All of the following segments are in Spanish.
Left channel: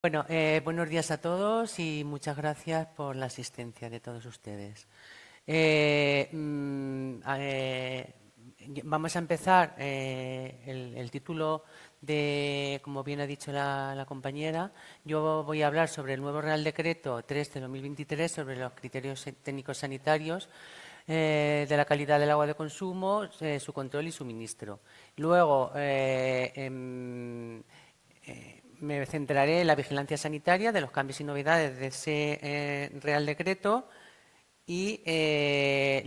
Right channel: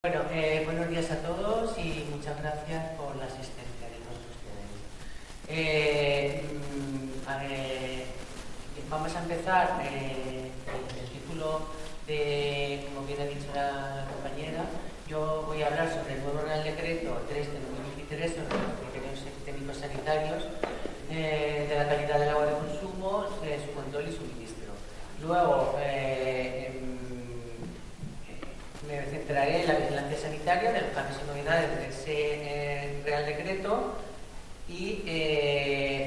Bueno, buenos días a todos y muchas gracias por la asistencia de todos ustedes. Vamos a empezar el título de, como bien ha dicho la compañera. Yo voy a hablar sobre el nuevo Real Decreto 3 de 2023 sobre los criterios técnicos sanitarios de la calidad del agua de consumo, su control y suministro. Luego, me centraré en la vigilancia sanitaria de los cambios y novedades de ese Real Decreto y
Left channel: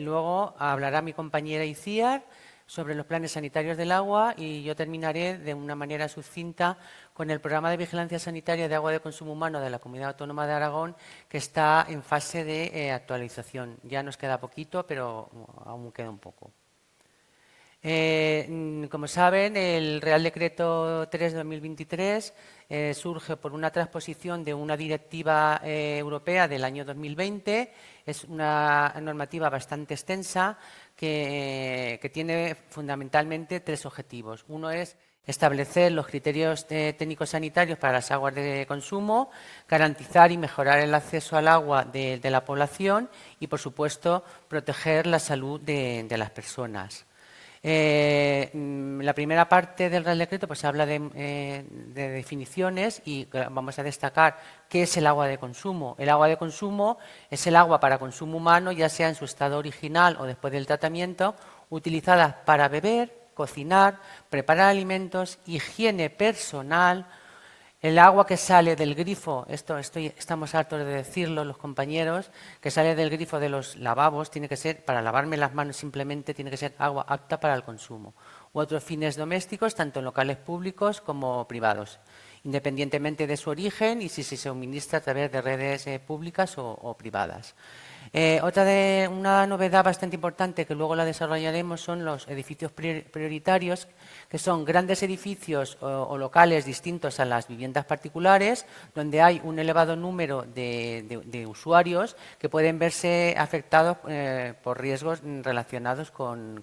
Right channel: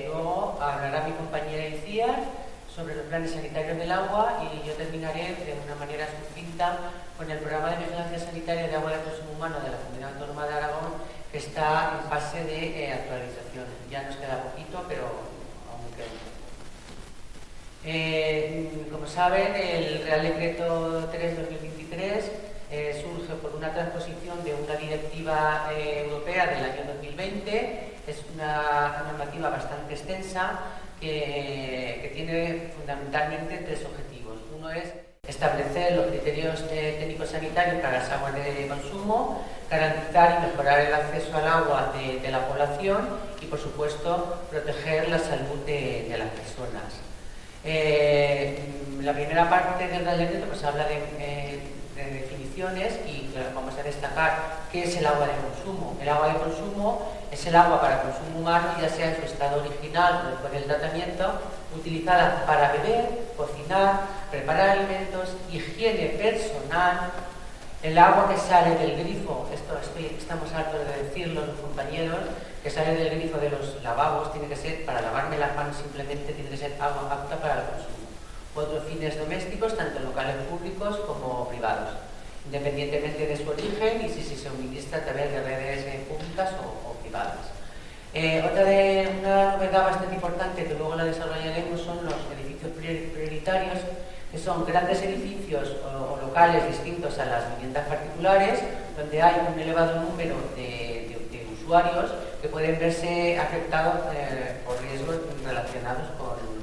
luego hablará mi compañera Iciar sobre los planes sanitarios del agua y yo terminaré de una manera sucinta con el programa de vigilancia sanitaria de agua de consumo humano de la Comunidad Autónoma de Aragón, que está en fase de actualización. Ya nos queda poquito, pero aún queda un poco. Como saben, el Real Decreto 3 de 2023 surge por una transposición de una directiva europea del año 2020. Es una normativa bastante extensa que tiene fundamentalmente tres objetivos. Uno es establecer los criterios técnicos sanitarios para las aguas de consumo, garantizar y mejorar el acceso al agua de la población y, por supuesto, proteger la salud de las personas. La primera parte del Real Decreto pues habla de definiciones y vamos a destacar qué es el agua de consumo. El agua de consumo es el agua para consumo humano, ya sea en su estado original o después del tratamiento, utilizada para beber, cocinar, preparar alimentos, higiene personal. El agua que sale del grifo, estamos hartos de decirlo los compañeros, que sale del grifo de los lavabos, tiene que ser, para lavarme las manos simplemente, tiene que ser agua apta para el consumo. U otros fines domésticos, tanto en locales públicos como privados, independientemente de su origen y si se suministra a través de redes públicas o privadas. Una novedad bastante importante que luego la desarrollaremos son los edificios prioritarios, que son grandes edificios o locales distintos a las viviendas particulares, donde hay un elevado número de usuarios que pueden verse afectados por riesgos relacionados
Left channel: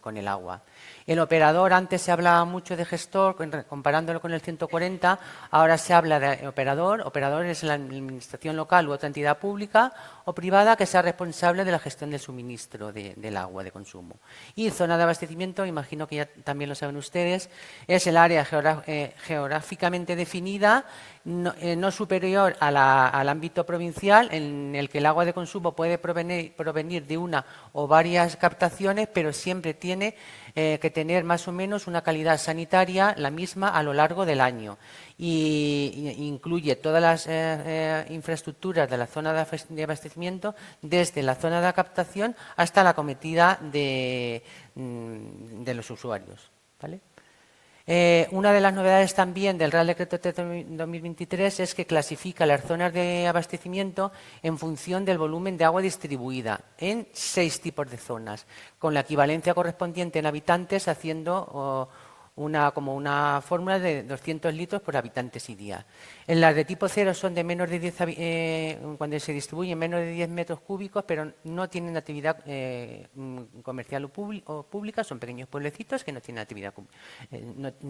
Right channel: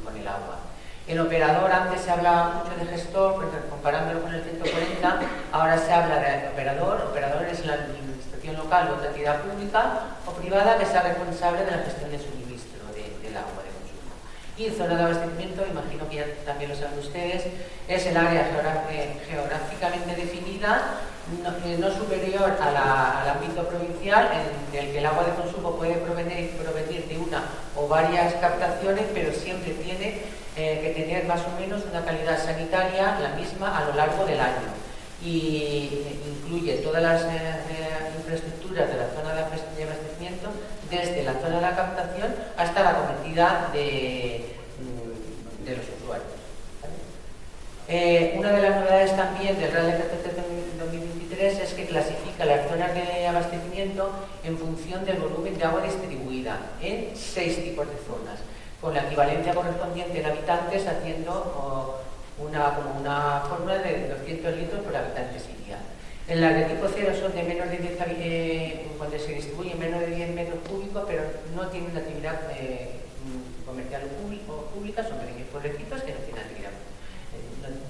con el agua. El operador, antes se hablaba mucho de gestor, comparándolo con el 140, ahora se habla de operador. Operador es la administración local u otra entidad pública o privada que sea responsable de la gestión del suministro del agua de consumo. Y zona de abastecimiento, imagino que ya también lo saben ustedes, es el área geográficamente definida, no superior al ámbito provincial, en el que el agua de consumo puede provenir de una o varias captaciones, pero siempre tiene que tener más o menos una calidad sanitaria la misma a lo largo del año. Y incluye todas las infraestructuras de la zona de abastecimiento, desde la zona de captación hasta la cometida de los usuarios. ¿Vale? Una de las novedades también del Real Decreto 2023 es que clasifica las zonas de abastecimiento en función del volumen de agua distribuida en 6 tipos de zonas, con la equivalencia correspondiente en habitantes, haciendo como una fórmula de 200 litros por habitantes y día. En las de tipo 0 son de menos de 10, cuando se distribuyen menos de 10 metros cúbicos, pero no tienen actividad comercial o pública, son pequeños pueblecitos que no tienen actividad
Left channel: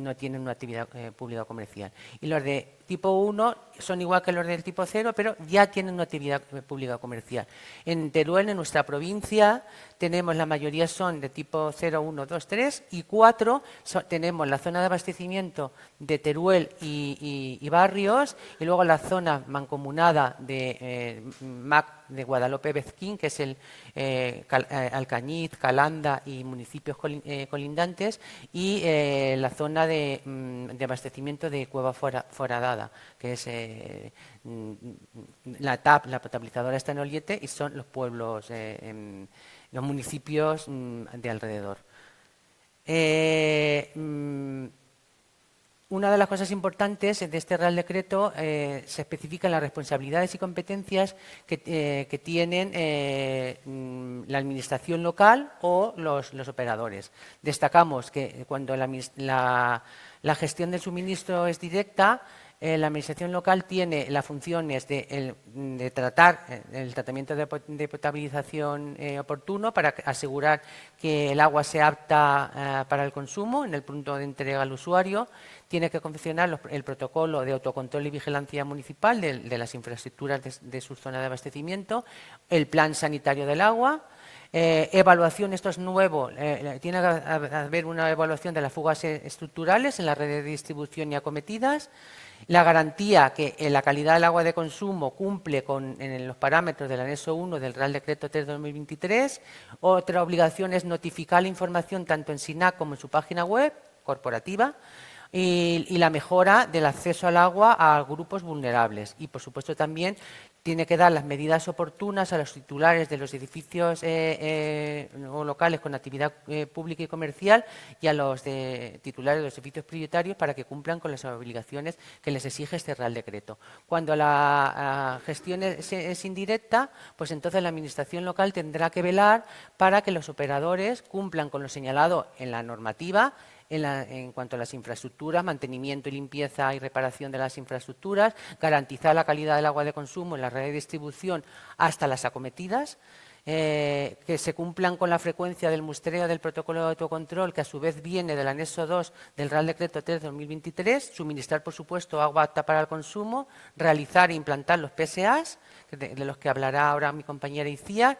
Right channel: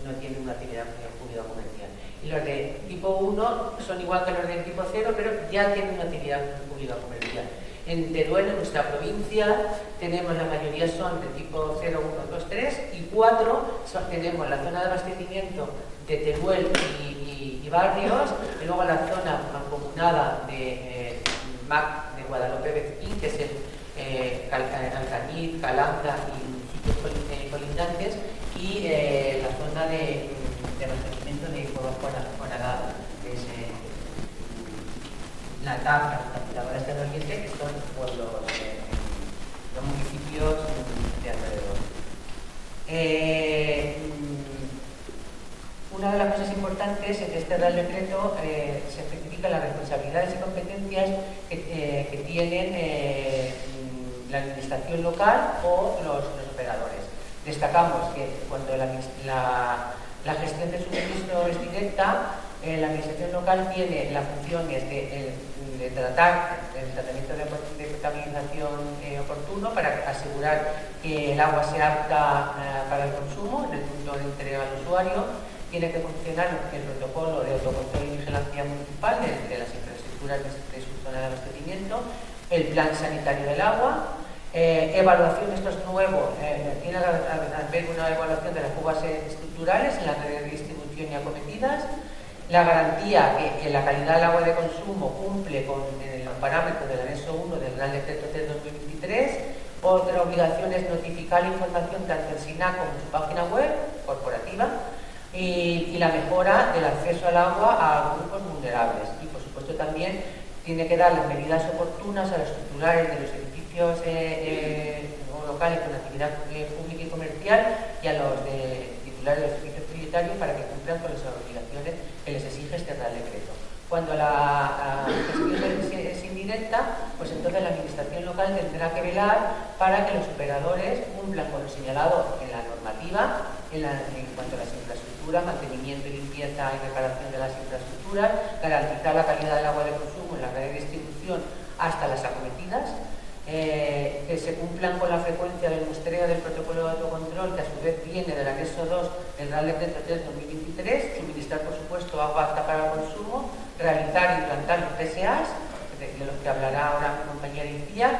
no tienen una actividad pública comercial. Y los de tipo 1 son igual que los del tipo 0, pero ya tienen una actividad pública comercial. En Teruel, en nuestra provincia, tenemos, la mayoría son de tipo 0, 1, 2, 3 y 4 tenemos la zona de abastecimiento de Teruel y barrios, y luego la zona mancomunada de MAC de Guadalupe Bezquín, que es el Alcañiz, Calanda y municipios colindantes, y la zona de abastecimiento de Cueva Foradada, que es la TAP, la potabilizadora está en Oriente, y son los pueblos, los municipios de alrededor. Una de las cosas importantes de este Real Decreto se especifican las responsabilidades y competencias que tienen la administración local o los operadores. Destacamos que cuando la gestión del suministro es directa, la administración local tiene las funciones de tratar el tratamiento de potabilización oportuno para asegurar que el agua sea apta para el consumo en el punto de entrega al usuario, tiene que funcionar el protocolo de autocontrol y vigilancia municipal de las infraestructuras de su zona de abastecimiento, el plan sanitario del agua, evaluación, esto es nuevo, tiene que haber una evaluación de las fugas estructurales en la red de distribución y acometidas, la garantía que la calidad del agua de consumo cumple con los parámetros del anexo 1 del Real Decreto 3/2023. Otra obligación es notificar la información tanto en SINAC como en su página web corporativa y la mejora del acceso al agua a grupos vulnerables. Y, por supuesto, también tiene que dar las medidas oportunas a los titulares de los edificios o locales con actividad pública y comercial y a los titulares de los edificios prioritarios para que cumplan con las obligaciones que les exige este Real Decreto. Cuando la gestión es indirecta, pues entonces la administración local tendrá que velar para que los operadores cumplan con lo señalado en la normativa en cuanto a las infraestructuras, mantenimiento, limpieza y reparación de las infraestructuras, garantizar la calidad del agua de consumo en la red de distribución hasta las acometidas, que se cumplan con la frecuencia del muestreo del protocolo de autocontrol, que a su vez viene del anexo 2 del Real Decreto 3/2023, suministrar, por supuesto, agua apta para el consumo, realizar e implantar los PSAs, de los que hablará ahora mi compañera Icía,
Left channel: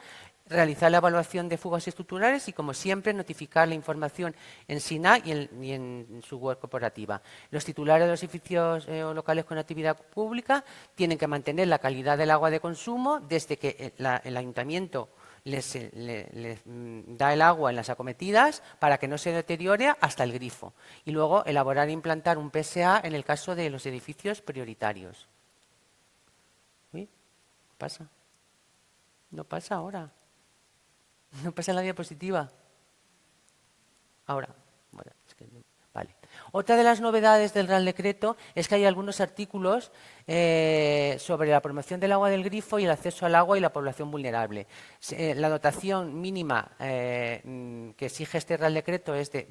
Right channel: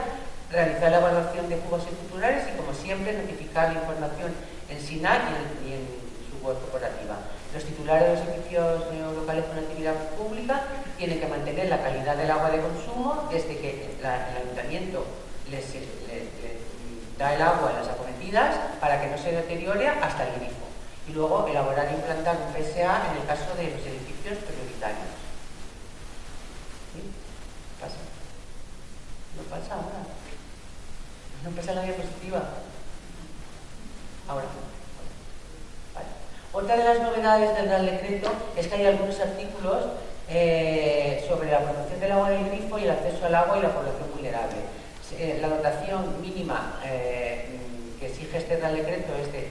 realizar la evaluación de fugas estructurales y, como siempre, notificar la información en SINAC y en su web corporativa. Los titulares de los edificios locales con actividad pública tienen que mantener la calidad del agua de consumo desde que el ayuntamiento les da el agua en las acometidas para que no se deteriore hasta el grifo. Y luego elaborar e implantar un PSA en el caso de los edificios prioritarios. ¿Sí? ¿Pasa? ¿No pasa ahora? ¿No pasa en la diapositiva? Ahora. Bueno, vale. Otra de las novedades del Real Decreto es que hay algunos artículos sobre la promoción del agua del grifo y el acceso al agua y la población vulnerable. La dotación mínima que exige este Real Decreto es de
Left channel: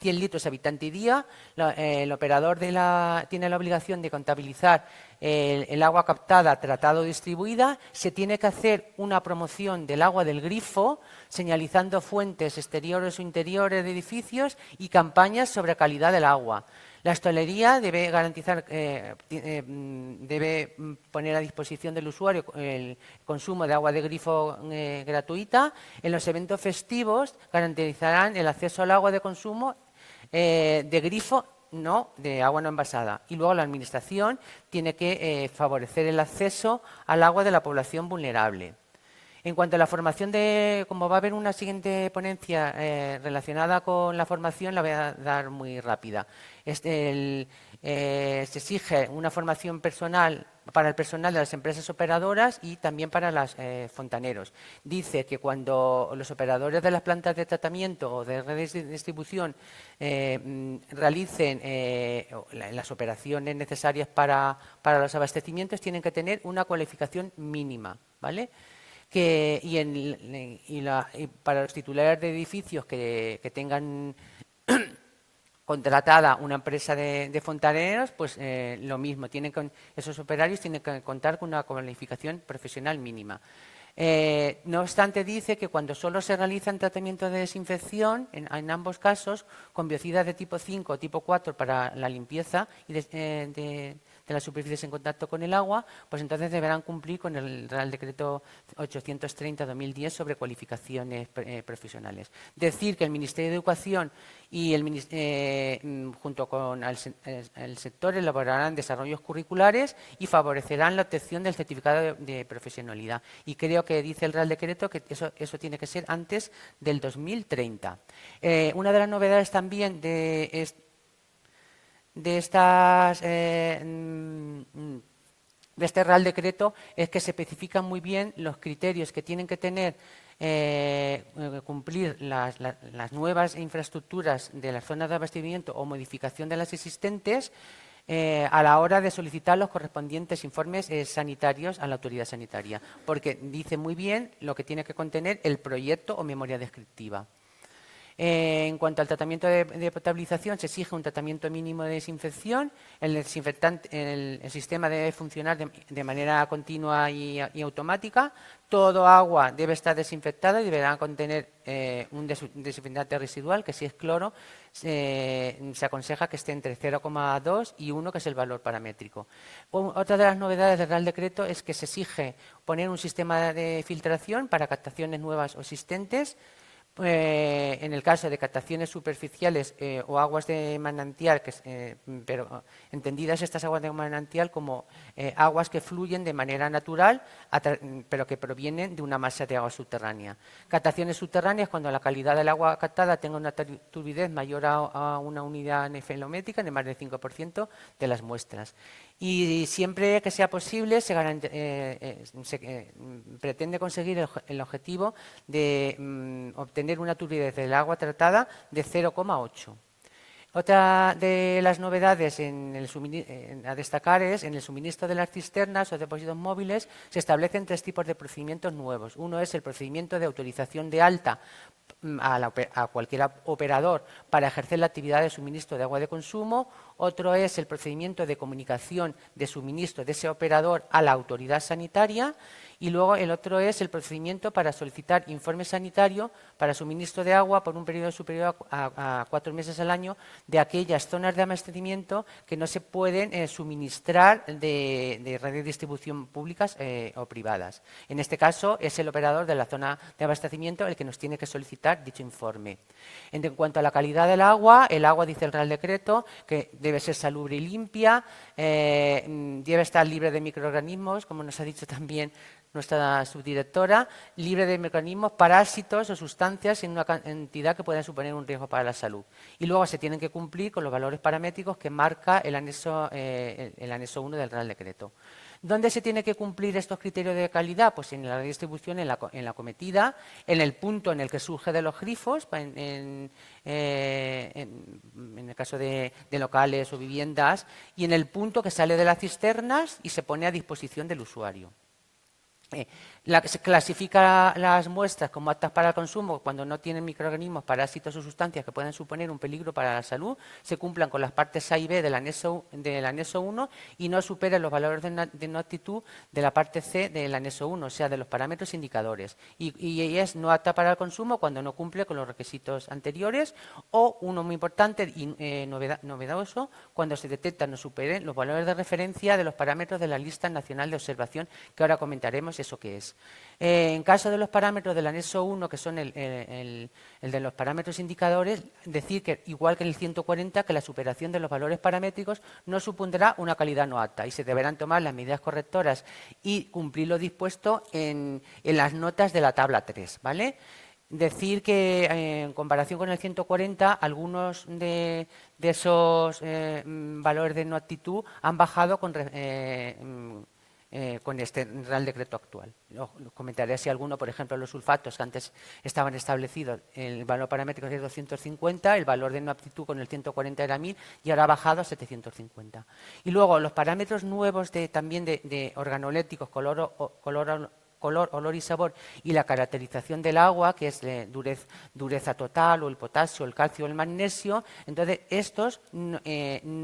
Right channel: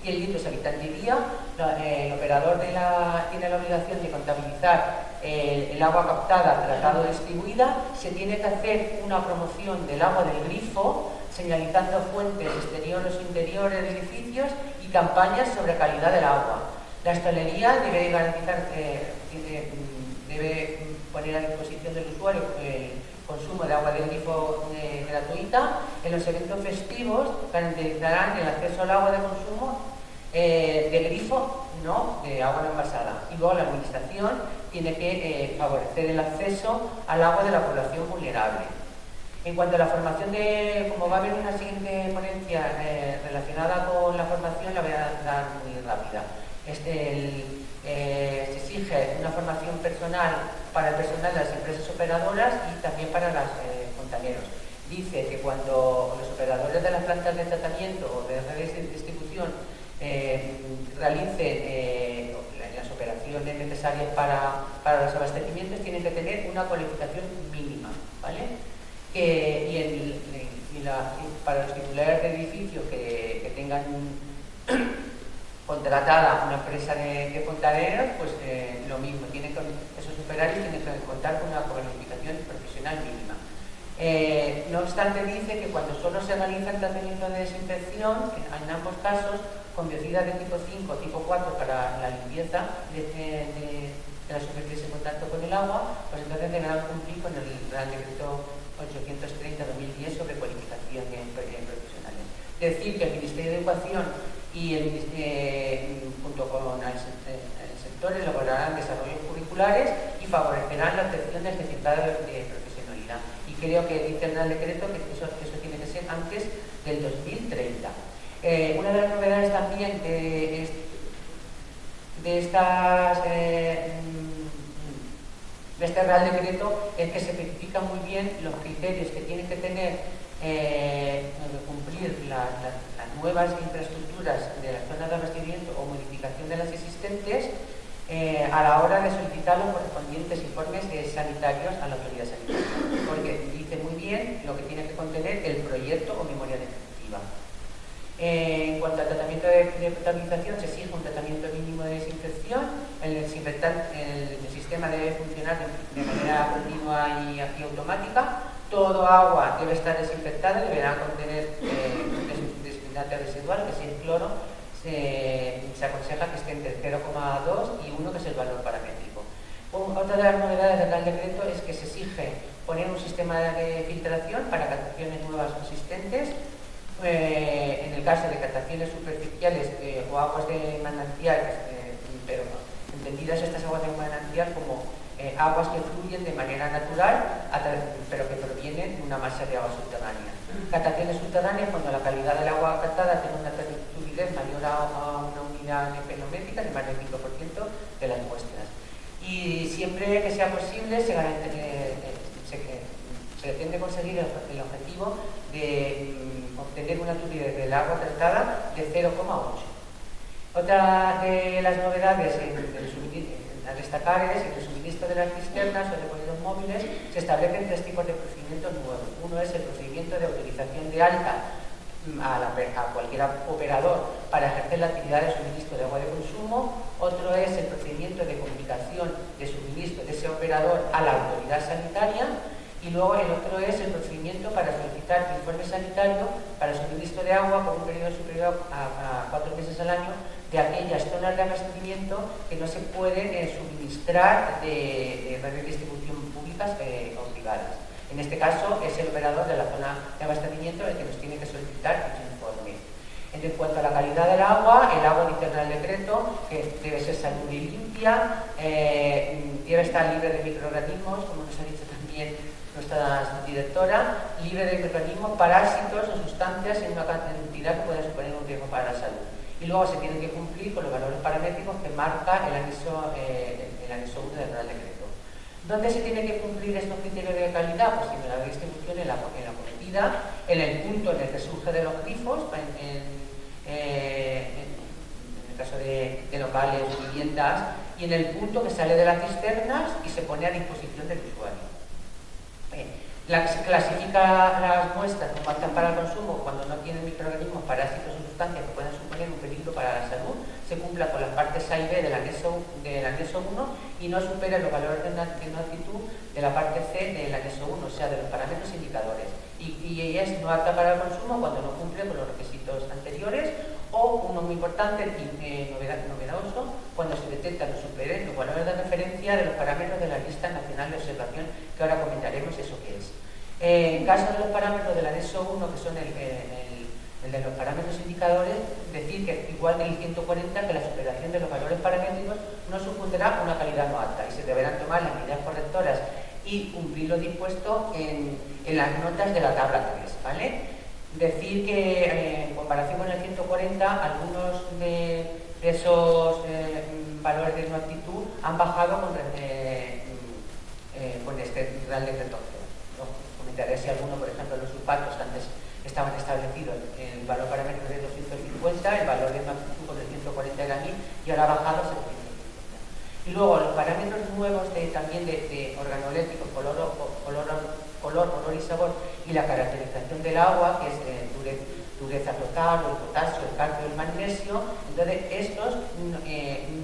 100 litros habitante y día. El operador tiene la obligación de contabilizar el agua captada, tratada o distribuida. Se tiene que hacer una promoción del agua del grifo, señalizando fuentes exteriores o interiores de edificios y campañas sobre calidad del agua. La hostelería debe garantizar, debe poner a disposición del usuario el consumo de agua de grifo gratuita. En los eventos festivos garantizarán el acceso al agua de consumo de grifo, no de agua no envasada. Y luego la administración tiene que favorecer el acceso al agua de la población vulnerable. En cuanto a la formación como va a haber una siguiente ponencia relacionada con la formación, la voy a dar muy rápida. Se exige una formación personal para el personal de las empresas operadoras y también para los fontaneros. Dice que cuando los operadores de las plantas de tratamiento o de redes de distribución realicen las operaciones necesarias para los abastecimientos, tienen que tener una cualificación mínima, ¿vale? Para los titulares de edificios que tengan contratada una empresa de fontaneros, pues lo mismo, esos operarios tienen que contar con una cualificación profesional mínima. No obstante, dice que cuando solo se realizan tratamientos de desinfección, en ambos casos, con biocidas de tipo 5 o tipo 4 para la limpieza de las superficies en contacto con el agua, pues entonces deberán cumplir con el Real Decreto 830/2010 sobre cualificaciones profesionales. Decir que el Ministerio de Educación y junto con el sector elaborarán desarrollos curriculares y favorecerán la obtención del certificado de profesionalidad. Y creo que dice el Real Decreto que eso tiene que ser antes del 2030. Una de las novedades también de este Real Decreto es que se especifican muy bien los criterios que tienen que tener cumplir las nuevas infraestructuras de las zonas de abastecimiento o modificación de las existentes a la hora de solicitar los correspondientes informes sanitarios a la autoridad sanitaria, porque dice muy bien lo que tiene que contener el proyecto o memoria descriptiva. En cuanto al tratamiento de potabilización, se exige un tratamiento mínimo de desinfección. El sistema debe funcionar de manera continua y automática. Todo agua debe estar desinfectada y deberá contener un desinfectante residual, que es el cloro, se aconseja que esté entre 0,2 y 1, que es el valor paramétrico. Otra de las novedades del Real Decreto es que se exige poner un sistema de filtración para captaciones nuevas o existentes. En el caso de captaciones superficiales o aguas de manantial, pero entendidas estas aguas de manantial como aguas que fluyen de manera natural, pero que provienen de una masa de agua subterránea. Captaciones subterráneas cuando la calidad del agua captada tenga una turbidez mayor a una unidad nefelométrica de más del 5% de las muestras. Y siempre que sea posible se pretende conseguir el objetivo de obtener una turbidez del agua tratada de 0,8. Otra de las novedades a destacar es en el suministro de las cisternas o depósitos móviles se establecen 3 tipos de procedimientos nuevos. Uno es el procedimiento de autorización de alta a cualquier operador para ejercer la actividad de suministro de agua de consumo. Otro es el procedimiento de comunicación de suministro de ese operador a la autoridad sanitaria. Y luego el otro es el procedimiento para solicitar informe sanitario para suministro de agua por un periodo superior a 4 meses al año de aquellas zonas de abastecimiento que no se pueden suministrar de redes de distribución públicas o privadas. En este caso es el operador de la zona de abastecimiento el que nos tiene que solicitar dicho informe. En cuanto a la calidad del agua, el agua, dice el Real Decreto, que debe ser salubre y limpia, debe estar libre de microorganismos, como nos ha dicho también nuestra subdirectora, libre de microorganismos, parásitos o sustancias en una cantidad que pueda suponer un riesgo para la salud. Y luego se tienen que cumplir con los valores paramétricos que marca el anexo 1 del Real Decreto. ¿Dónde se tiene que cumplir estos criterios de calidad? Pues en la distribución, en la cometida, en el punto en el que surge de los grifos, en el caso de locales o viviendas, y en el punto que sale de las cisternas y se pone a disposición del usuario. Se clasifica las muestras como aptas para el consumo cuando no tienen microorganismos, parásitos o sustancias que puedan suponer un peligro para la salud, se cumplan con las partes A y B del anexo 1 y no superen los valores de no aptitud de la parte C del anexo 1, o sea, de los parámetros indicadores. Y es no apta para el consumo cuando no cumple con los requisitos anteriores, o uno muy importante y novedoso, cuando se detectan o superen los valores de referencia de los parámetros de la lista nacional de observación, que ahora comentaremos eso qué es. En caso de los parámetros del anexo 1, que son el de los parámetros indicadores, decir que, igual que el 140, que la superación de los valores paramétricos no supondrá una calidad no apta y se deberán tomar las medidas correctoras y cumplir lo dispuesto en las notas de la tabla 3, ¿vale? Decir que en comparación con el 140, algunos de esos valores de no aptitud han bajado con este Real Decreto actual. ¿No? Comentaré si alguno, por ejemplo, los sulfatos antes estaban establecidos, el valor paramétrico de 250, el valor de no aptitud con el 140 era 1000 y ahora ha bajado a 750. Y luego los parámetros nuevos también de organolépticos, color, olor y sabor, y la caracterización del agua, que es de dureza total, o el potasio, el calcio, el magnesio. Entonces estos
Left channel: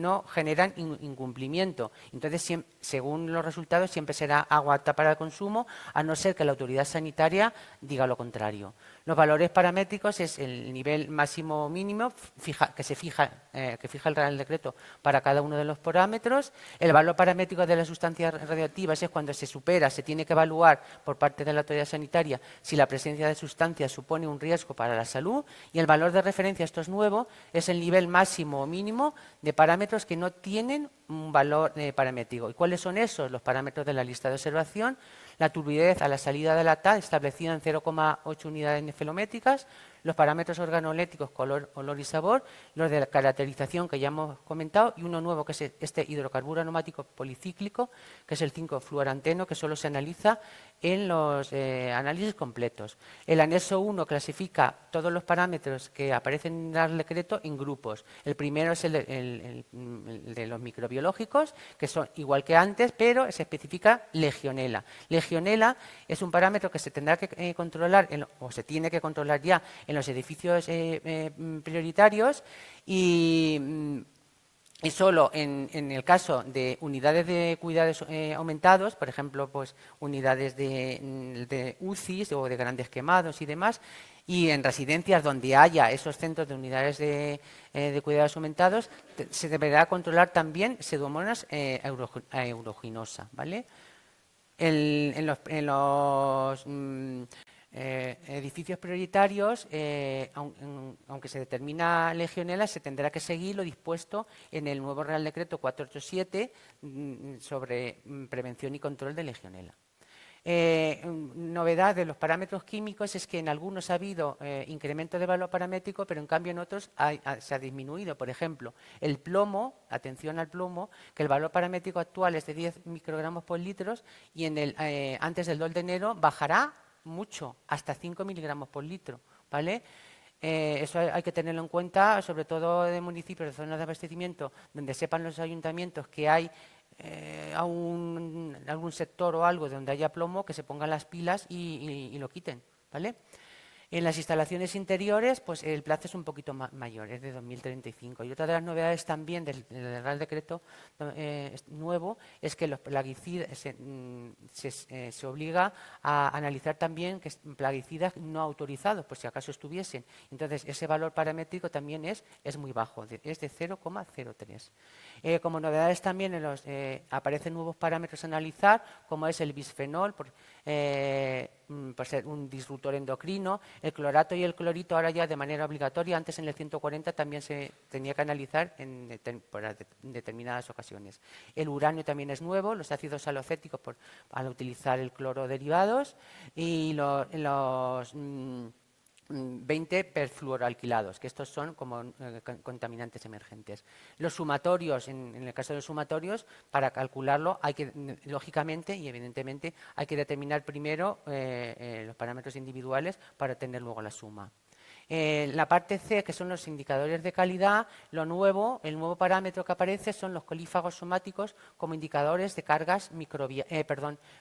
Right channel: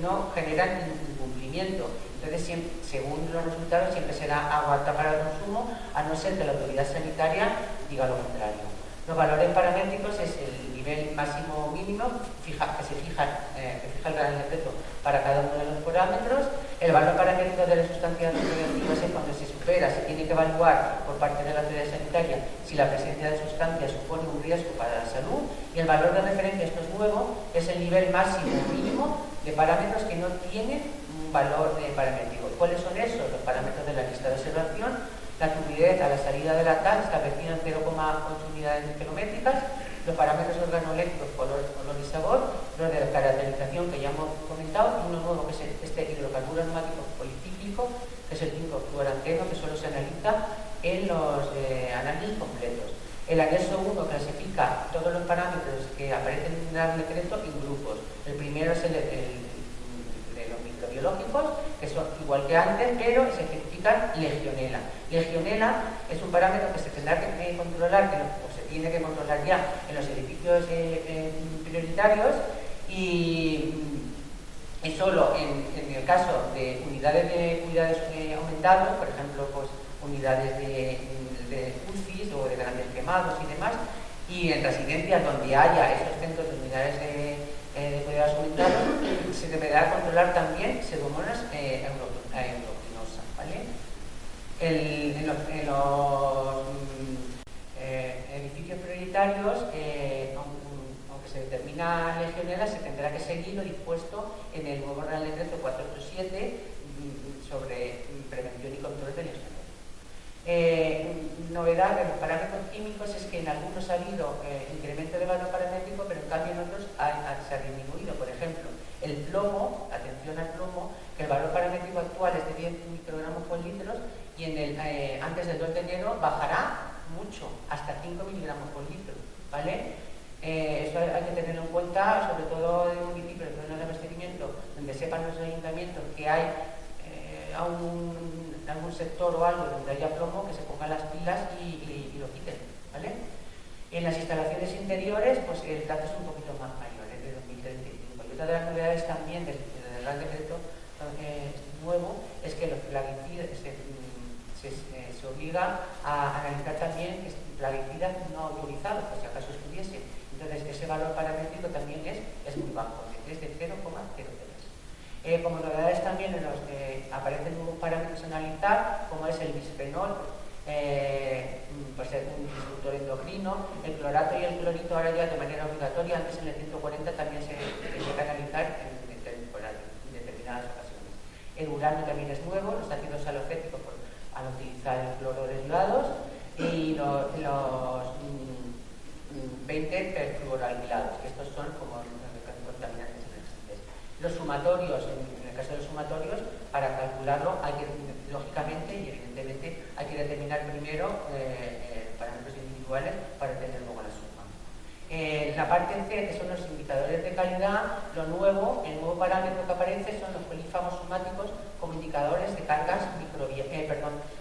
no generan incumplimiento. Entonces, según los resultados, siempre será agua apta para el consumo, a no ser que la autoridad sanitaria diga lo contrario. Los valores paramétricos es el nivel máximo o mínimo que fija el Real Decreto para cada uno de los parámetros. El valor paramétrico de las sustancias radioactivas es cuando se supera, se tiene que evaluar por parte de la autoridad sanitaria si la presencia de sustancias supone un riesgo para la salud. Y el valor de referencia, esto es nuevo, es el nivel máximo o mínimo de parámetros que no tienen un valor paramétrico. ¿Cuáles son esos? Los parámetros de la lista de observación. La turbidez a la salida de la TAL establecida en 0,8 unidades nefelométricas, los parámetros organolépticos, color y sabor, los de la caracterización que ya hemos comentado, y uno nuevo que es este hidrocarburo aromático policíclico, que es el 5-fluoranteno, que solo se analiza en los análisis completos. El anexo 1 clasifica todos los parámetros que aparecen en el decreto en grupos. El primero es el de los microbiológicos, que son igual que antes, pero se especifica legionela. Legionela es un parámetro que se tendrá que controlar, o se tiene que controlar ya en los edificios prioritarios, y solo en el caso de unidades de cuidados aumentados, por ejemplo, pues unidades de UCIs o de grandes quemados y demás, y en residencias donde haya esos centros de unidades de cuidados aumentados, se deberá controlar también Pseudomonas aeruginosa, ¿vale? En los edificios prioritarios, aunque se determina legionela, se tendrá que seguir lo dispuesto en el nuevo Real Decreto 487 sobre prevención y control de legionela. Novedad de los parámetros químicos es que en algunos ha habido incremento de valor paramétrico, pero en cambio en otros se ha disminuido. Por ejemplo, el plomo, atención al plomo, que el valor paramétrico actual es de 10 microgramos por litro y antes del 2 de enero bajará mucho, hasta 5 miligramos por litro, ¿vale? Eso hay que tenerlo en cuenta, sobre todo en municipios de zonas de abastecimiento, donde sepan los ayuntamientos que hay algún sector o algo donde haya plomo, que se pongan las pilas y lo quiten, ¿vale? En las instalaciones interiores, pues el plazo es un poquito más mayor, es de 2035. Y otra de las novedades también del Real Decreto nuevo es que los plaguicidas se obliga a analizar también plaguicidas no autorizados, por si acaso estuviese. Entonces, ese valor paramétrico también es muy bajo, es de 0,03. Como novedades también aparecen nuevos parámetros a analizar, como es el bisfenol, por ser un disruptor endocrino, el clorato y el clorito ahora ya de manera obligatoria. Antes en el 140 también se tenía que analizar en determinadas ocasiones. El uranio también es nuevo, los ácidos salocéticos al utilizar el cloro derivados y los 20 perfluoroalquilados, que estos son como contaminantes emergentes. Los sumatorios, en el caso de los sumatorios, para calcularlo hay que, lógicamente y evidentemente, hay que determinar primero los parámetros individuales para tener luego la suma. La parte C, que son los indicadores de calidad, el nuevo parámetro que aparece son los colífagos somáticos como indicadores de cargas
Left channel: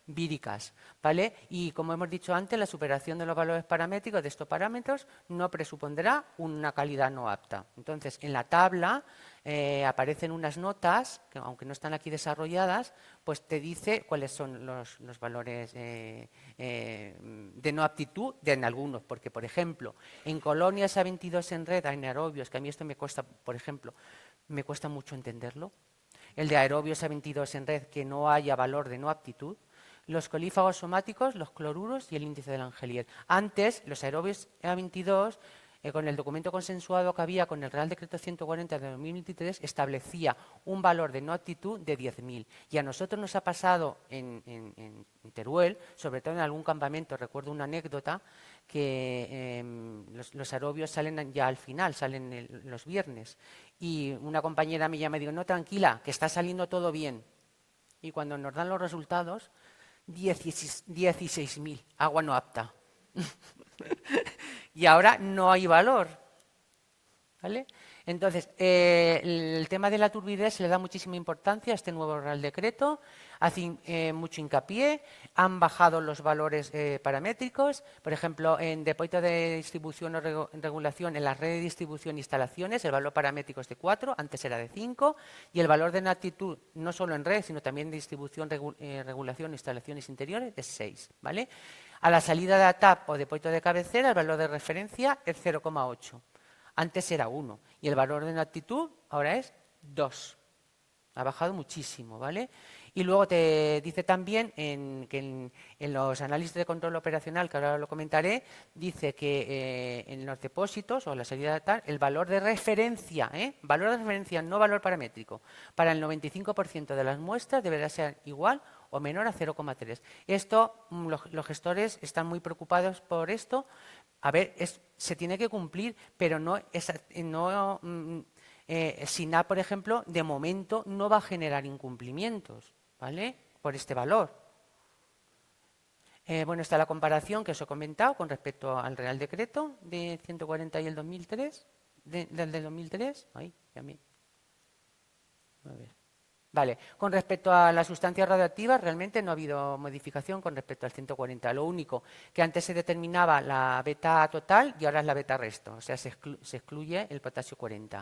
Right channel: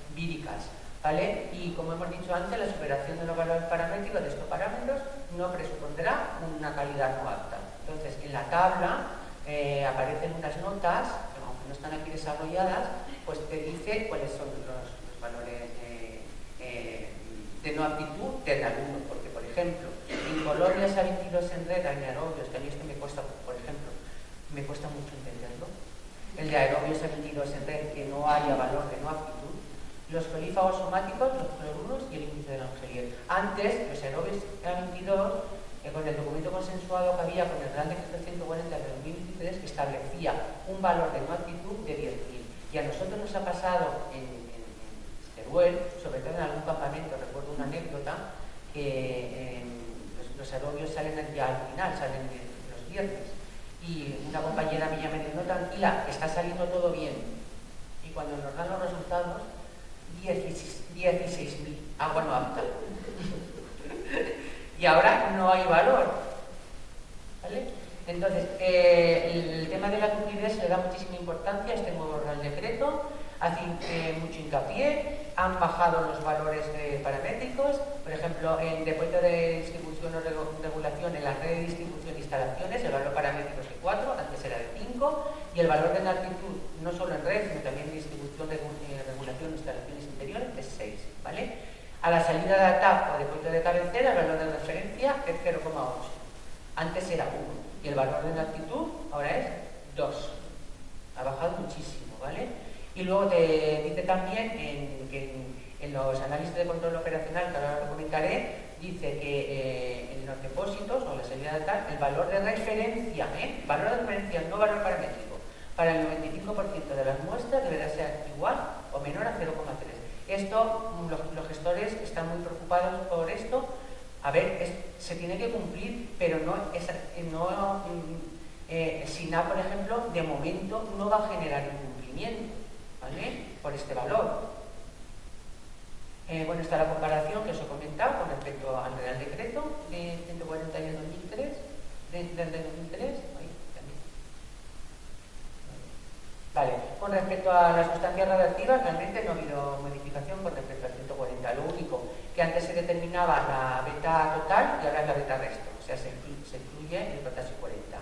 víricas, ¿vale? Y como hemos dicho antes, la superación de los valores paramétricos de estos parámetros no presupondrá una calidad no apta. Entonces, en la tabla aparecen unas notas, que aunque no están aquí desarrolladas, pues te dice cuáles son los valores de no aptitud de algunos, porque por ejemplo, en colonias A22 en red anaerobios, que a mí esto me cuesta, por ejemplo, me cuesta mucho entenderlo, el de aerobios A22 en red que no haya valor de no aptitud, los colífagos somáticos, los cloruros y el índice de Langelier. Antes, los aerobios A22, con el documento consensuado que había con el Real Decreto 140 de 2023, establecía un valor de no aptitud de 10.000. Y a nosotros nos ha pasado en Teruel, sobre todo en algún campamento, recuerdo una anécdota, que los aerobios salen ya al final, salen los viernes, y una compañera mía me dijo, no, tranquila, que está saliendo todo bien. Y cuando nos dan los resultados, 16.000, agua no apta. Y ahora no hay valor, ¿vale? Entonces, el tema de la turbidez se le da muchísima importancia a este nuevo Real Decreto, hace mucho hincapié, han bajado los valores paramétricos, por ejemplo, en depósito de distribución o regulación, en la red de distribución e instalaciones, el valor paramétrico es de 4, antes era de 5, y el valor de inaptitud, no solo en red, sino también en distribución, regulación e instalaciones interiores, es 6, ¿vale? A la salida de ATAP o depósito de cabecera, el valor de referencia es 0,8, antes era 1, y el valor de inaptitud ahora es 2, ha bajado muchísimo, ¿vale? Y luego te dice también que en los análisis de control operacional, que ahora lo comentaré, dice que en los depósitos o la salida de tal, el valor de referencia, no valor paramétrico, para el 95% de las muestras deberá ser igual o menor a 0,3. Esto, los gestores están muy preocupados por esto. A ver, se tiene que cumplir, pero SINAP, por ejemplo, de momento no va a generar incumplimientos, ¿vale? Por este valor. Bueno, está la comparación que os he comentado con respecto al Real Decreto de 140 y el 2003, del 2003. Vale, con respecto a las sustancias radioactivas, realmente no ha habido modificación con respecto al 140. Lo único que antes se determinaba la beta total y ahora es la beta resto, o sea, se excluye el potasio 40.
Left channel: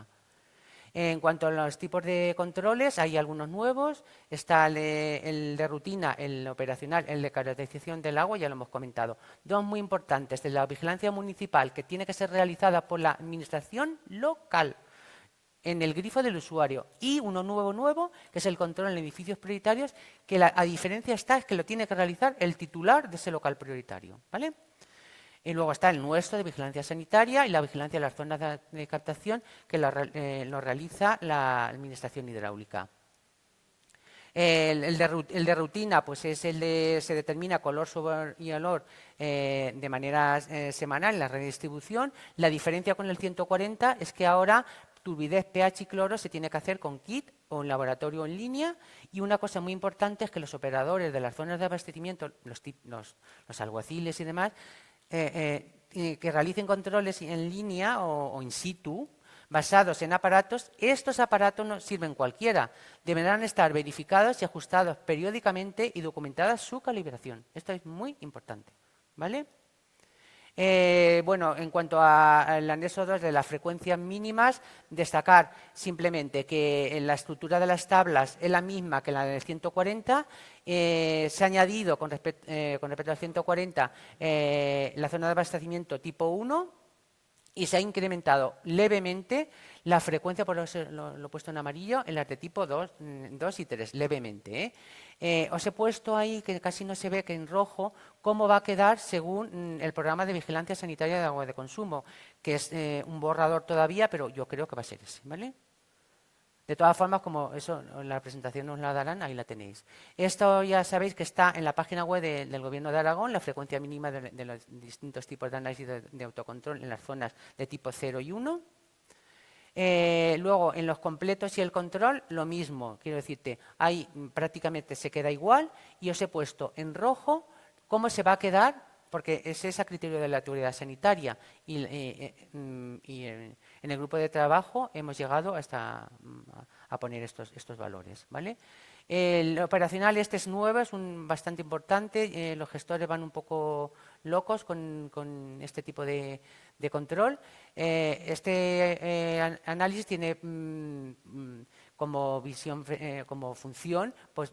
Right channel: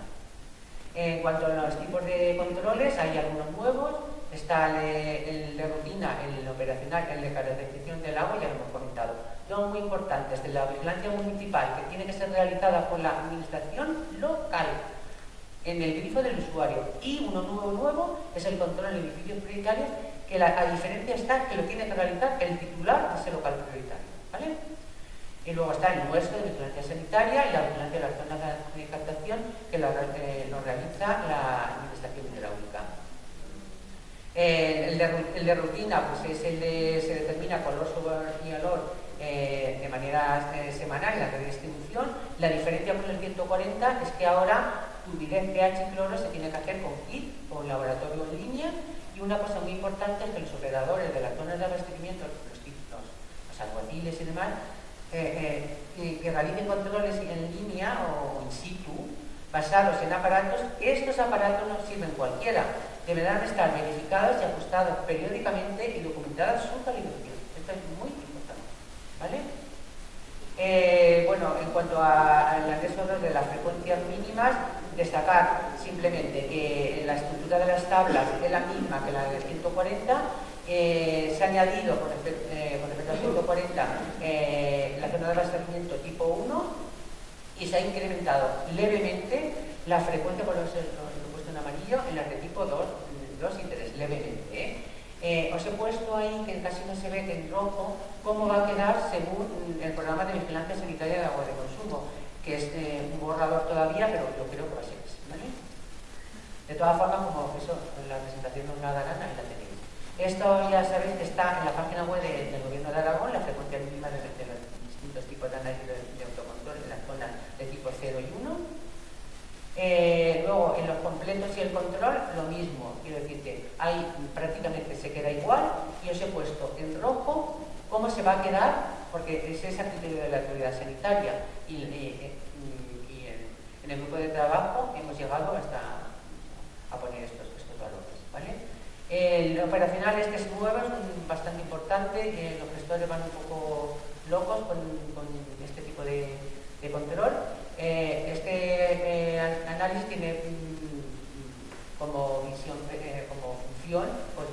En cuanto a los tipos de controles, hay algunos nuevos. Está el de rutina, el operacional, el de caracterización del agua, ya lo hemos comentado. Dos muy importantes, de la vigilancia municipal, que tiene que ser realizada por la administración local, en el grifo del usuario. Y uno nuevo es el control en edificios prioritarios, que a diferencia está que lo tiene que realizar el titular de ese local prioritario, ¿vale? Y luego está el nuestro de vigilancia sanitaria y la vigilancia de las zonas de captación, que lo realiza la Administración Hidráulica. El de rutina, pues es se determina color, sabor y olor de manera semanal en la red de distribución. La diferencia con el 140 es que ahora turbidez, pH y cloro se tiene que hacer con kit, con laboratorio en línea, y una cosa muy importante es que los operadores de las zonas de abastecimiento, los alguaciles y demás, que realicen controles en línea o in situ, basados en aparatos. Estos aparatos no sirven cualquiera, deberán estar verificados y ajustados periódicamente y documentada su calibración. Esto es muy importante, ¿vale? Bueno, en cuanto al anexo 2 de las frecuencias mínimas, destacar simplemente que la estructura de las tablas es la misma que la del 140. Se ha añadido con respecto al 140 la zona de abastecimiento tipo 1, y se ha incrementado levemente la frecuencia, por eso lo he puesto en amarillo, en las de tipo 2 y 3, levemente. Os he puesto ahí, que casi no se ve, que en rojo, cómo va a quedar según el programa de vigilancia sanitaria de aguas de consumo, que es un borrador todavía, pero yo creo que va a ser ese, ¿vale? De todas formas, como eso, la presentación no la darán, ahí la tenéis. Esto ya sabéis que está en la página web del Gobierno de Aragón, la frecuencia mínima de los distintos tipos de análisis de autocontrol en las zonas de tipo 0 y 1. Luego, en los completos y el control, lo mismo. Quiero decirte, ahí prácticamente se queda igual, y os he puesto en rojo cómo se va a quedar, porque ese es a criterio de la autoridad sanitaria. Y en el grupo de trabajo hemos llegado hasta a poner estos valores, ¿vale? El operacional este es nuevo, es bastante importante. Los gestores van un poco locos con este tipo de control. Este análisis tiene como función, pues,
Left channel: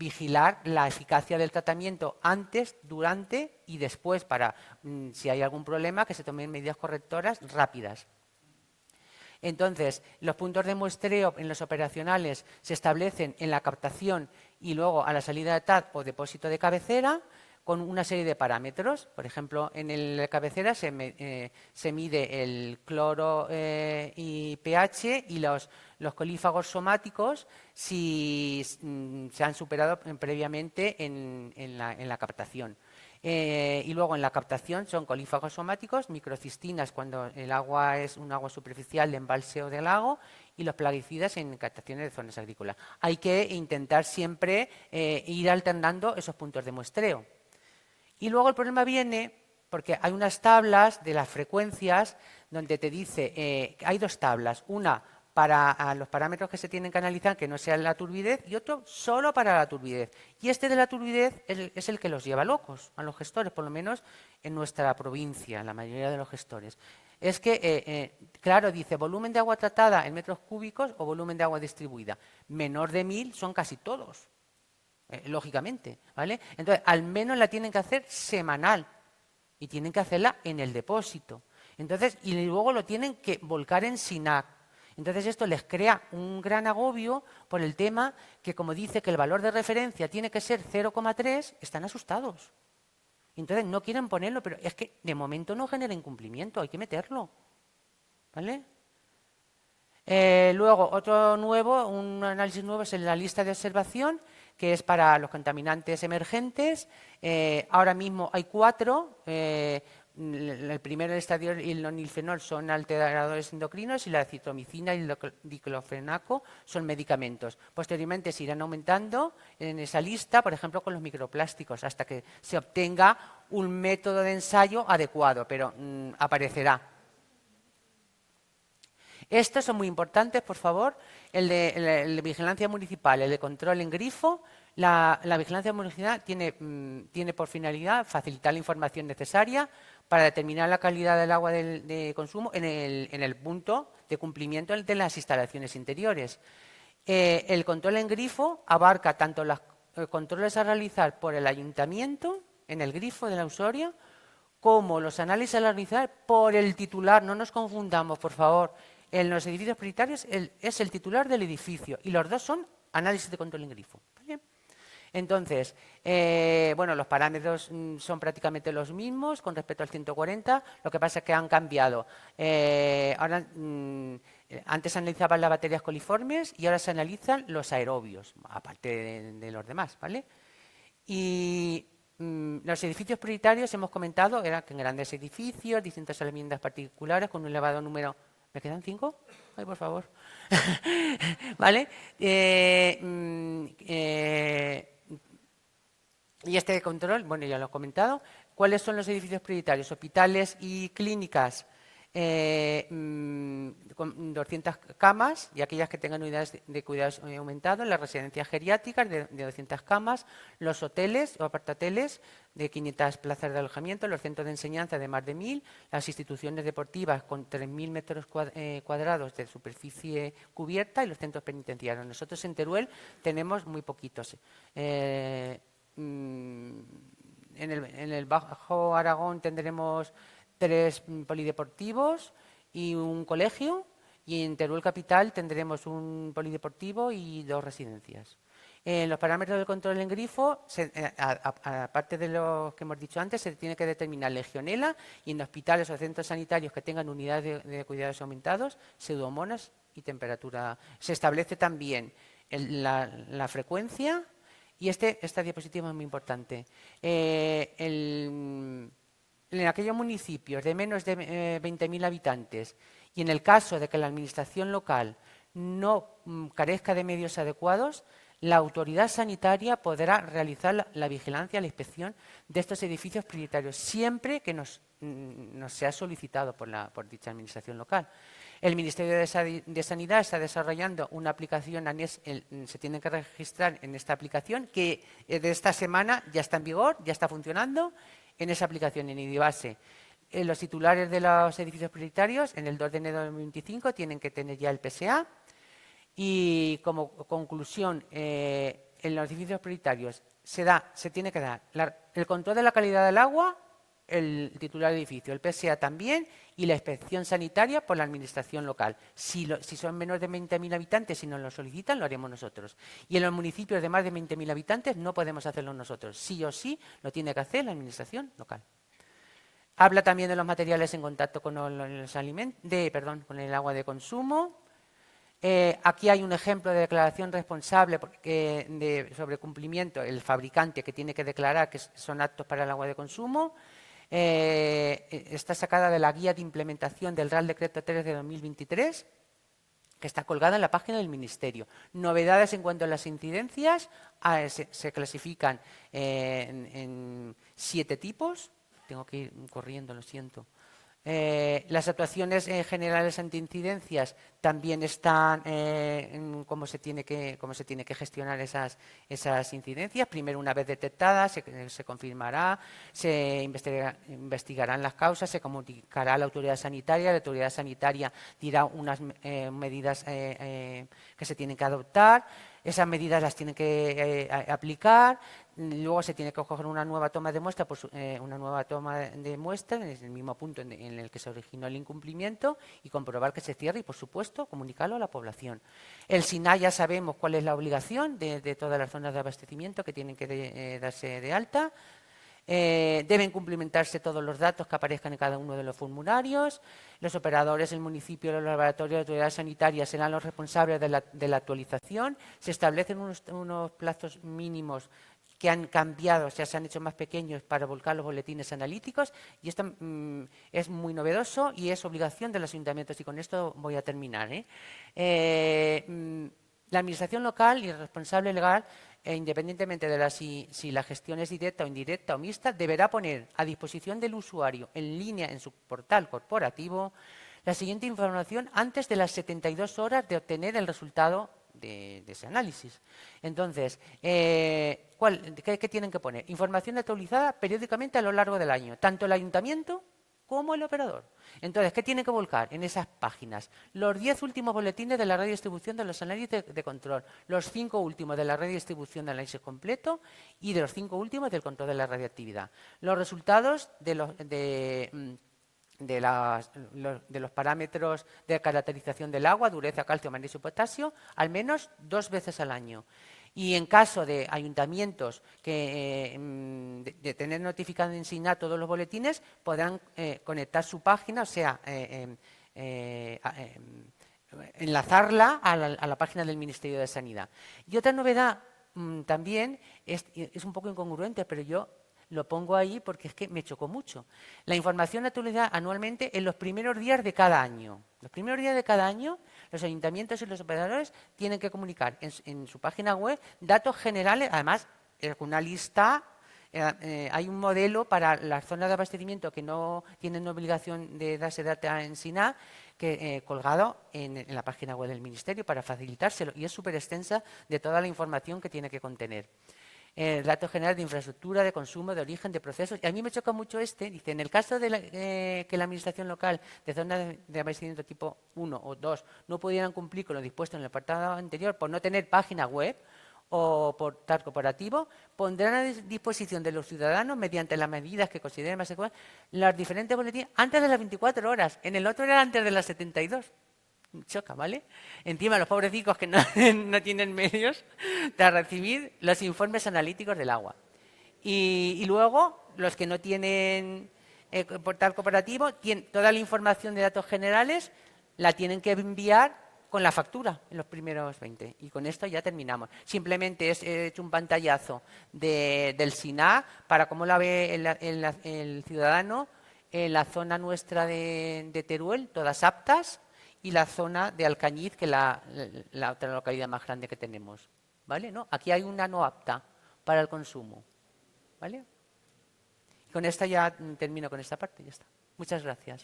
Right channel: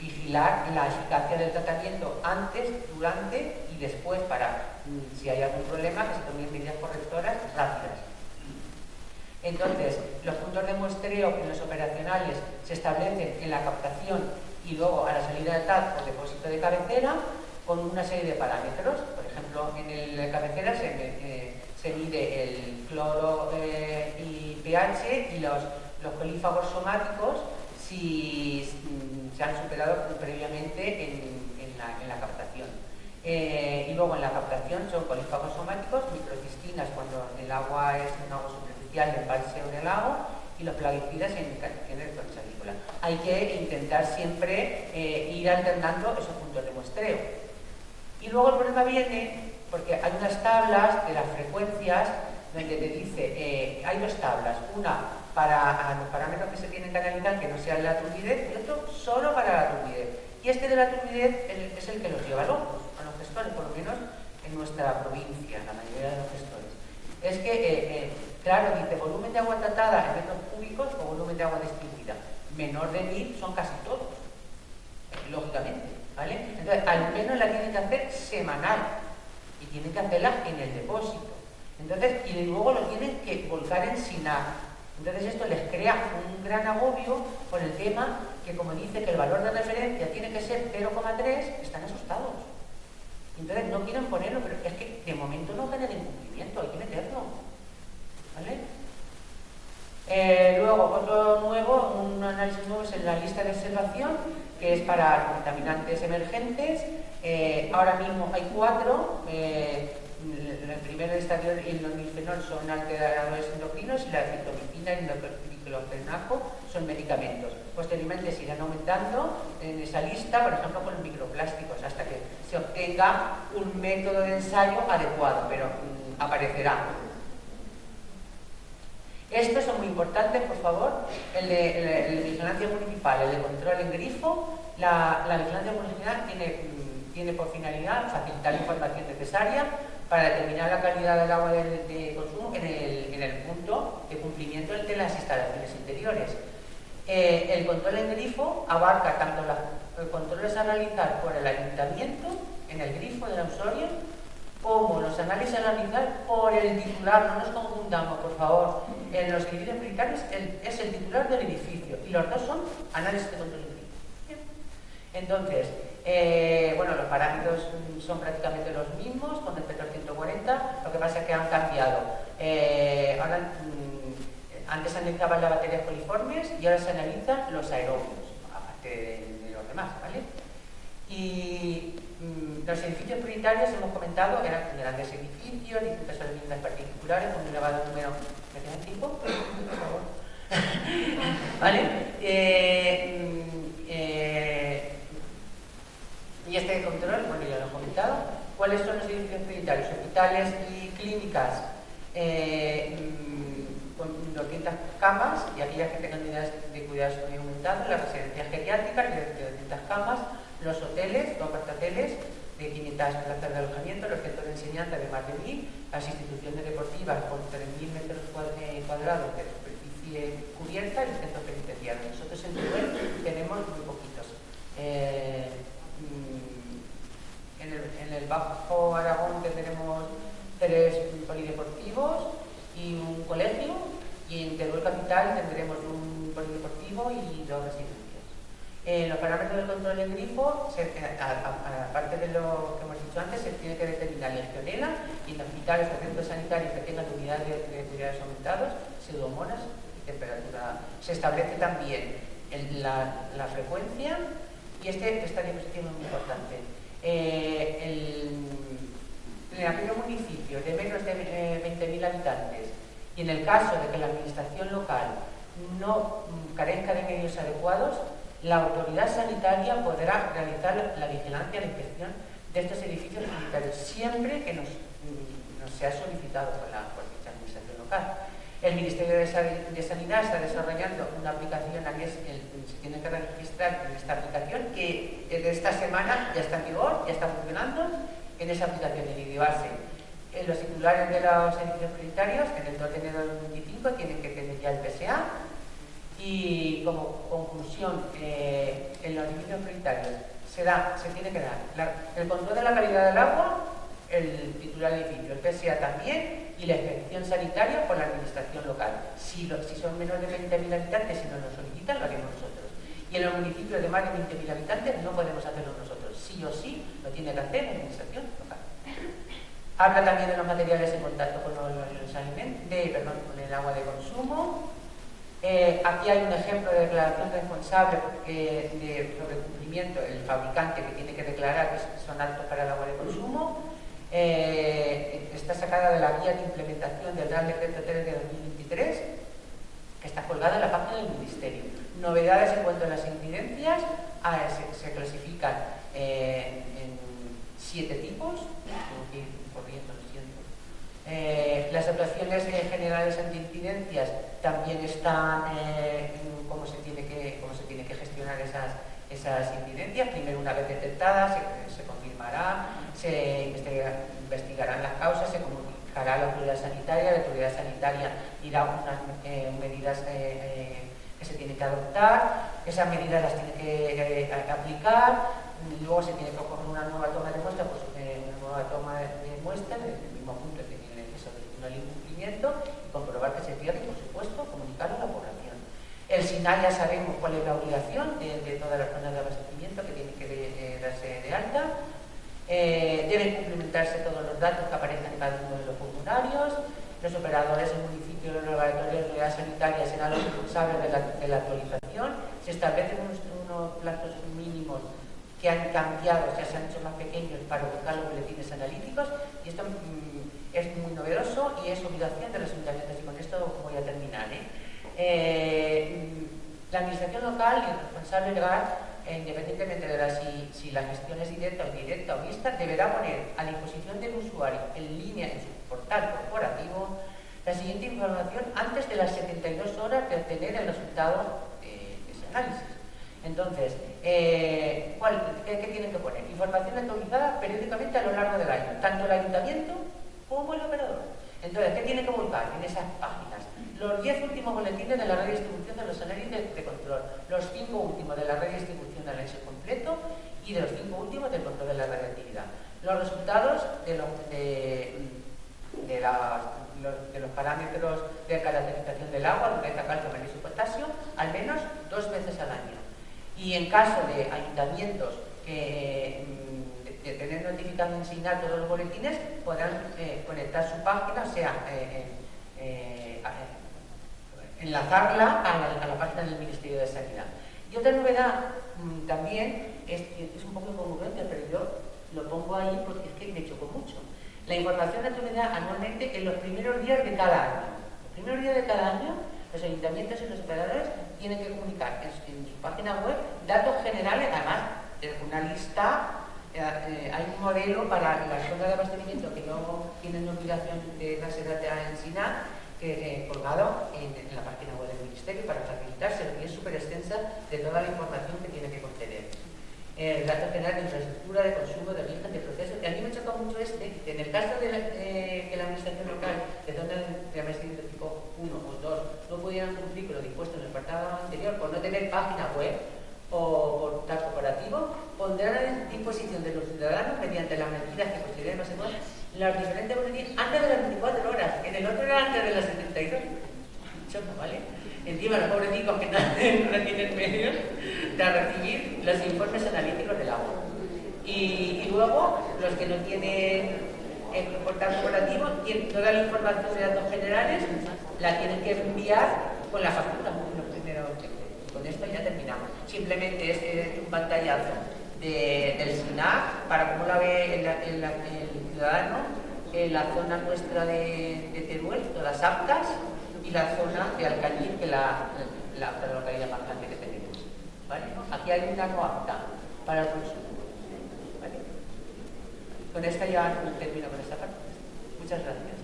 vigilar la eficacia del tratamiento antes, durante y después, para, si hay algún problema, que se tomen medidas correctoras rápidas. Entonces, los puntos de muestreo en los operacionales se establecen en la captación y luego a la salida de TAC o depósito de cabecera, con una serie de parámetros. Por ejemplo, en el cabecera se mide el cloro y pH, y los colífagos somáticos, si se han superado previamente en la captación. Y luego en la captación son colífagos somáticos, microcistinas cuando el agua es un agua superficial de embalse o de lago, y los plaguicidas en captaciones de zonas agrícolas. Hay que intentar siempre ir alternando esos puntos de muestreo. Y luego el problema viene porque hay unas tablas de las frecuencias donde te dice, hay dos tablas, una para los parámetros que se tienen que analizar, que no sea la turbidez, y otro solo para la turbidez. Y este de la turbidez es el que los lleva locos a los gestores, por lo menos en nuestra provincia, la mayoría de los gestores. Es que, claro, dice volumen de agua tratada en metros cúbicos o volumen de agua distribuida. Menor de 1000 son casi todos, lógicamente, ¿vale? Entonces, al menos la tienen que hacer semanal, y tienen que hacerla en el depósito. Entonces, y luego lo tienen que volcar en SINAC. Entonces esto les crea un gran agobio por el tema que, como dice que el valor de referencia tiene que ser 0,3, están asustados. Entonces no quieren ponerlo, pero es que de momento no genera incumplimiento, hay que meterlo, ¿vale? Luego, otro nuevo, un análisis nuevo es en la lista de observación, que es para contaminantes emergentes. Ahora mismo hay 4. El primero, el estadio y el nonilfenol, son alteradores endocrinos, y la citromicina y el diclofenaco son medicamentos. Posteriormente se irán aumentando en esa lista, por ejemplo con los microplásticos, hasta que se obtenga un método de ensayo adecuado, pero aparecerá. Estos son muy importantes, por favor, el de vigilancia municipal, el de control en grifo. La vigilancia municipal tiene por finalidad facilitar la información necesaria para determinar la calidad del agua de consumo en el punto de cumplimiento de las instalaciones interiores. El control en grifo abarca tanto los controles a realizar por el ayuntamiento en el grifo de la usuaria, como los análisis a realizar por el titular. No nos confundamos, por favor. En los edificios prioritarios es el titular del edificio y los dos son análisis de control de grifo. Bien. Entonces, bueno, los parámetros son prácticamente los mismos con respecto al 140, lo que pasa es que han cambiado. Ahora, antes se analizaban las bacterias coliformes y ahora se analizan los aerobios, aparte de los demás, ¿vale? Y los edificios prioritarios, hemos comentado, eran grandes edificios, distintas viviendas particulares, con un elevado número... ¿Me quedan 5? Por favor. ¿Vale? Y este control, bueno, ya lo he comentado. ¿Cuáles son los edificios prioritarios? Hospitales y clínicas con 200 camas y aquellas que tengan unidades de cuidados aumentados, las residencias geriátricas de 200 camas, los hoteles o apartahoteles de 500 plazas de alojamiento, los centros de enseñanza de más de 1000, las instituciones deportivas con 3000 metros cuadrados de superficie cubierta y los centros penitenciarios. Nosotros en Teruel tenemos muy poquitos. En el Bajo Aragón tendremos 3 polideportivos y un colegio, y en Teruel Capital tendremos un polideportivo y 2 residencias. En los parámetros del control en grifo, aparte de lo que hemos dicho antes, se tiene que determinar legionela, y en hospitales o centros sanitarios que tengan unidades de cuidados aumentados, pseudomonas y temperatura. Se establece también la frecuencia, y esta diapositiva es muy importante. En aquellos municipios de menos de 20.000 habitantes, y en el caso de que la administración local no carezca de medios adecuados, la autoridad sanitaria podrá realizar la vigilancia, la inspección de estos edificios sanitarios, siempre que nos sea solicitado por dicha administración local. El Ministerio de Sanidad está desarrollando una aplicación, se tiene que registrar en esta aplicación, que de esta semana ya está en vigor, ya está funcionando. En esa aplicación, en IDIBase, los titulares de los edificios prioritarios, en el 2 de enero del 2025, tienen que tener ya el PSA. Y como conclusión, en los edificios prioritarios se tiene que dar el control de la calidad del agua, el titular del edificio, el PSA también, y la inspección sanitaria por la administración local. Si son menos de 20.000 habitantes y nos lo solicitan, lo haremos nosotros. Y en los municipios de más de 20.000 habitantes no podemos hacerlo nosotros. Sí o sí lo tiene que hacer la administración local. Habla también de los materiales en contacto con con el agua de consumo. Aquí hay un ejemplo de declaración responsable sobre cumplimiento, el fabricante que tiene que declarar que son aptos para el agua de consumo. Está sacada de la guía de implementación del Real Decreto 3 de 2023, que está colgada en la página del Ministerio. Novedades en cuanto a las incidencias, se clasifican en 7 tipos. Tengo que ir corriendo, lo siento. Las actuaciones generales antiincidencias también están en cómo se tiene que gestionar esas incidencias. Primero, una vez detectadas, se confirmará, se investigarán las causas, se comunicará a la autoridad sanitaria dirá unas medidas que se tienen que adoptar, esas medidas las tiene que aplicar, luego se tiene que coger una nueva toma de muestra, desde el mismo punto en el que se originó el incumplimiento, y comprobar que se cierre y, por supuesto, comunicarlo a la población. El SINAE ya sabemos cuál es la obligación de todas las zonas de abastecimiento que tienen que darse de alta. Deben cumplimentarse todos los datos que aparezcan en cada uno de los formularios. Los operadores del municipio, los laboratorios de autoridad sanitaria serán los responsables de la actualización. Se establecen unos plazos mínimos que han cambiado, o sea, se han hecho más pequeños para buscar los boletines analíticos, y esto es muy novedoso y es obligación de los ayuntamientos, y con esto voy a terminar. La administración local y el responsable legal, independientemente de si la gestión es directa o indirecta o mixta, deberá poner a disposición del usuario en línea en su portal corporativo la siguiente información antes de las 72 horas de obtener el resultado de ese análisis. Entonces, ¿qué tienen que poner? Información actualizada periódicamente a lo largo del año, tanto el ayuntamiento como el operador. Entonces, ¿qué tiene que volcar en esas páginas? Los 10 últimos boletines de la red de distribución de los análisis de control, los 5 últimos de la red de distribución del análisis completo y de los 5 últimos del control de la radioactividad. Los resultados de los parámetros de caracterización del agua, dureza, calcio, magnesio y potasio, al menos 2 veces al año. Y en caso de ayuntamientos que de tener notificado en SINAR todos los boletines, podrán conectar su página, o sea, enlazarla a la página del Ministerio de Sanidad. Y otra novedad también es un poco incongruente, pero yo lo pongo ahí porque es que me chocó mucho. La información actualizada anualmente en los primeros días de cada año. Los primeros días de cada año, los ayuntamientos y los operadores tienen que comunicar en su página web datos generales, además una lista, hay un modelo para las zonas de abastecimiento que no tienen obligación de darse data en SINAR, colgado en la página web del Ministerio para facilitárselo, y es súper extensa de toda la información que tiene que contener. Datos generales de infraestructura, de consumo, de origen, de procesos. Y a mí me choca mucho dice, en el caso de que la administración local de zonas de abastecimiento tipo 1 o 2 no pudieran cumplir con lo dispuesto en el apartado anterior por no tener página web o por tal cooperativo, pondrán a disposición de los ciudadanos, mediante las medidas que consideren más igual, las diferentes boletines antes de las 24 horas. En el otro era antes de las 72. Choca, ¿vale? Encima los pobrecicos que no tienen medios de recibir los informes analíticos del agua. Y luego, los que no tienen portal cooperativo, tienen toda la información de datos generales, la tienen que enviar con la factura, los primeros 20. Y con esto ya terminamos. Simplemente he hecho un pantallazo del SINAR para cómo la ve el ciudadano, la zona nuestra de Teruel, todas aptas, y la zona de Alcañiz, que es la otra localidad más grande que tenemos, ¿vale? ¿No? Aquí hay una no apta para el consumo, ¿vale? Con esta ya termino con esta parte. Muchas gracias.